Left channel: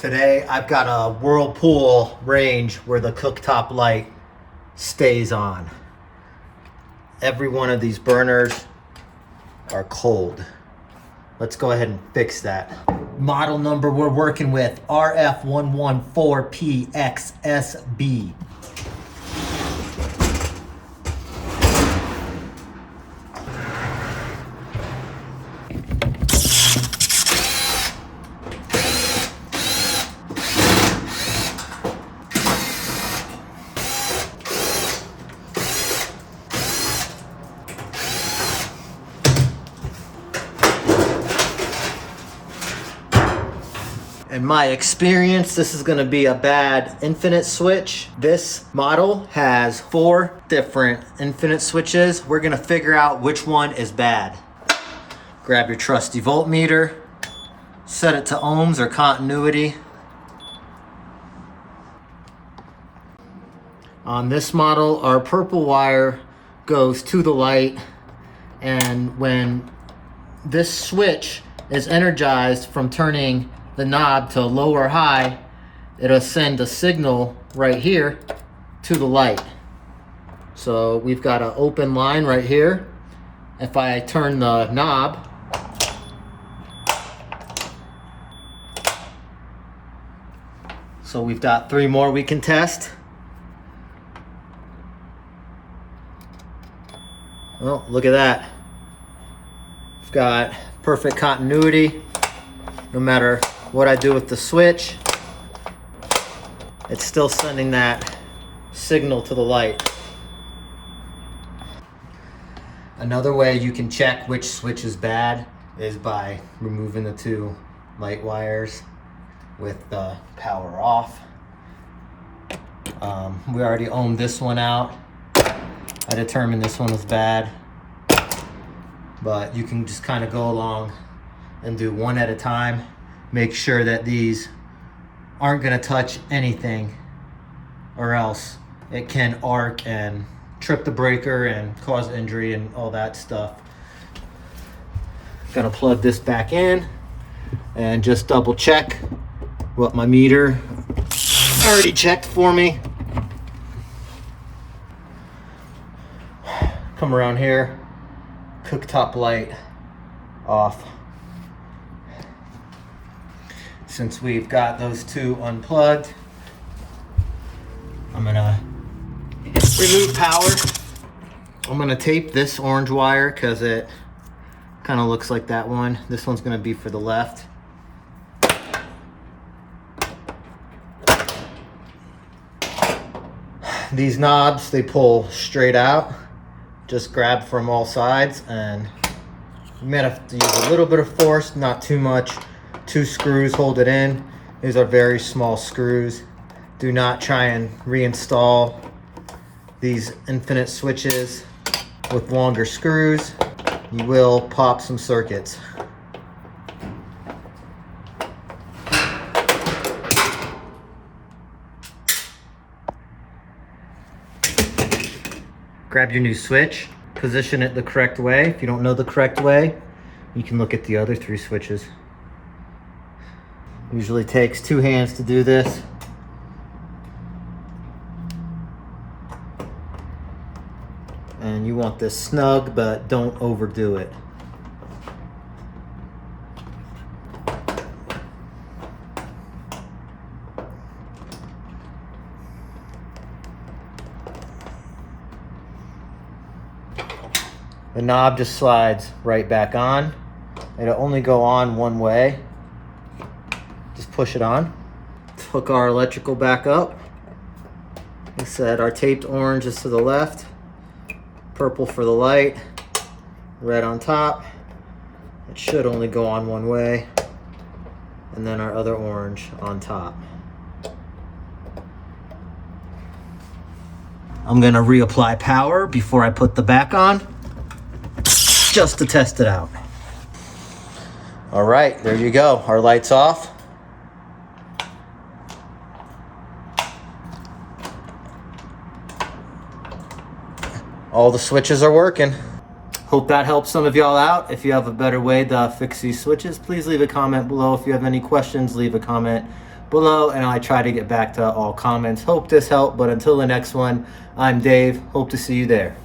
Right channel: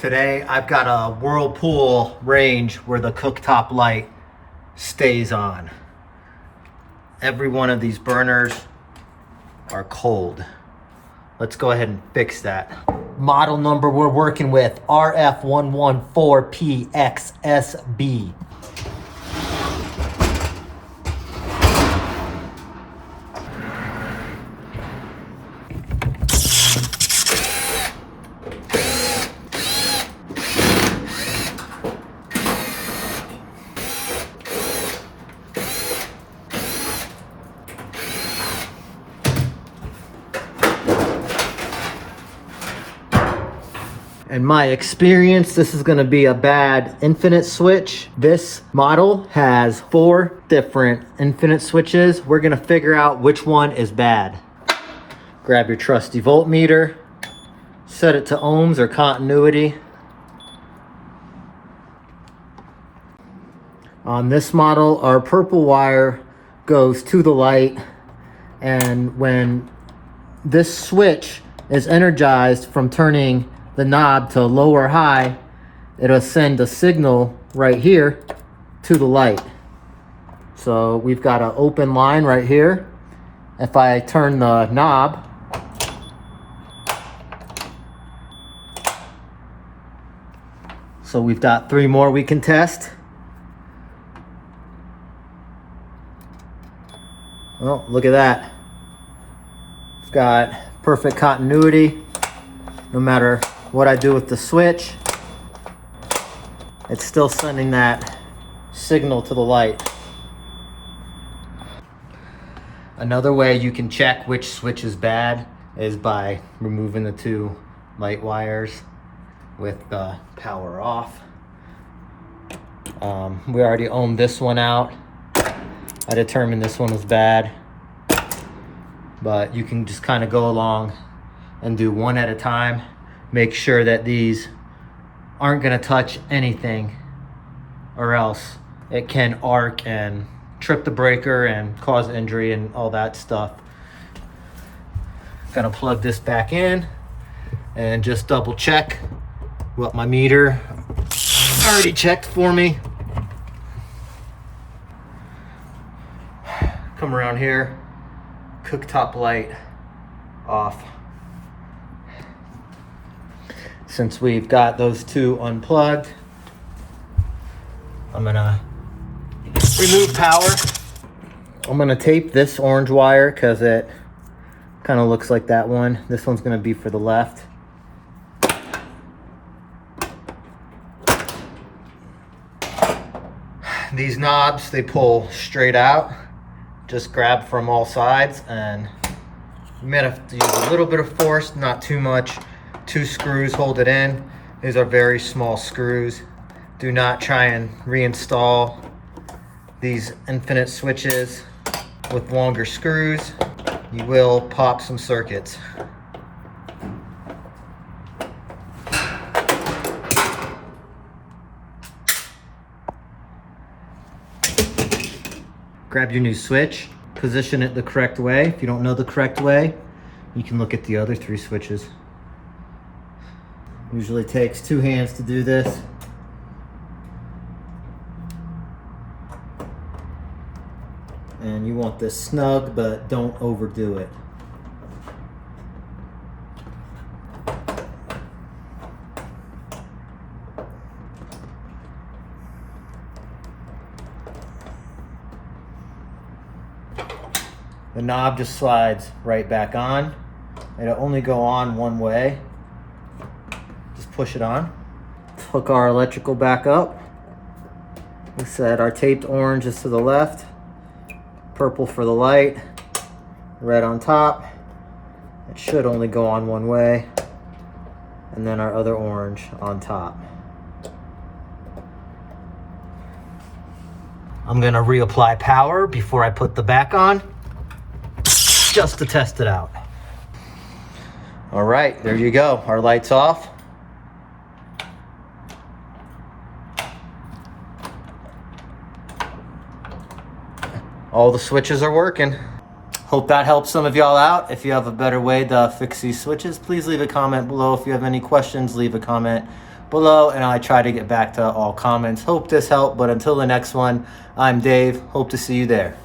Today I've got a Whirlpool range where the cooktop light stays on. Every one of these burners are cold. Let's go ahead and fix that. Model number we're working with, RF114PXSB. In my experience, this is gonna be a bad infinite switch. This model has 4 different infinite switches. We're gonna figure out which one is bad. Grab your trusty voltmeter, set it to ohms or continuity. On this model, our purple wire goes to the light, and when this switch is energized from turning the knob to low or high, it'll send a signal right here to the light. So we've got an open line right here. If I turn the knob, so we've got 3 more we can test. Well, look at that. We've got perfect continuity. No matter what I do with the switch, it's still sending that signal to the light. Another way you can check which switch is bad is by removing the 2 light wires with the power off. We already ohmed this one out. I determined this one was bad, but you can just kind of go along and do one at a time. Make sure that these aren't gonna touch anything, or else it can arc and trip the breaker and cause injury and all that stuff. Gonna plug this back in and just double check what my meter already checked for me. Come around here, cooktop light off. Since we've got those 2 unplugged, I'm gonna remove power. I'm gonna tape this orange wire because it kind of looks like that one. This one's gonna be for the left. These knobs, they pull straight out. Just grab from all sides, and you may have to use a little bit of force, not too much. 2 screws hold it in. These are very small screws. Do not try and reinstall these infinite switches with longer screws. You will pop some circuits. Grab your new switch, position it the correct way. If you don't know the correct way, you can look at the other 3 switches. Usually takes 2 hands to do this. And you want this snug, but don't overdo it. The knob just slides right back on. It'll only go on one way. Just push it on. Hook our electrical back up. Like I said, our taped orange is to the left, purple for the light, red on top. It should only go on one way. And then our other orange on top. I'm gonna reapply power before I put the back on, just to test it out. All right, there you go. Our light's off. All the switches are working. Hope that helps some of y'all out. If you have a better way to fix these switches, please leave a comment below. If you have any questions, leave a comment below, and I try to get back to all comments. Hope this helped, but until the next one, I'm Dave. Hope to see you there.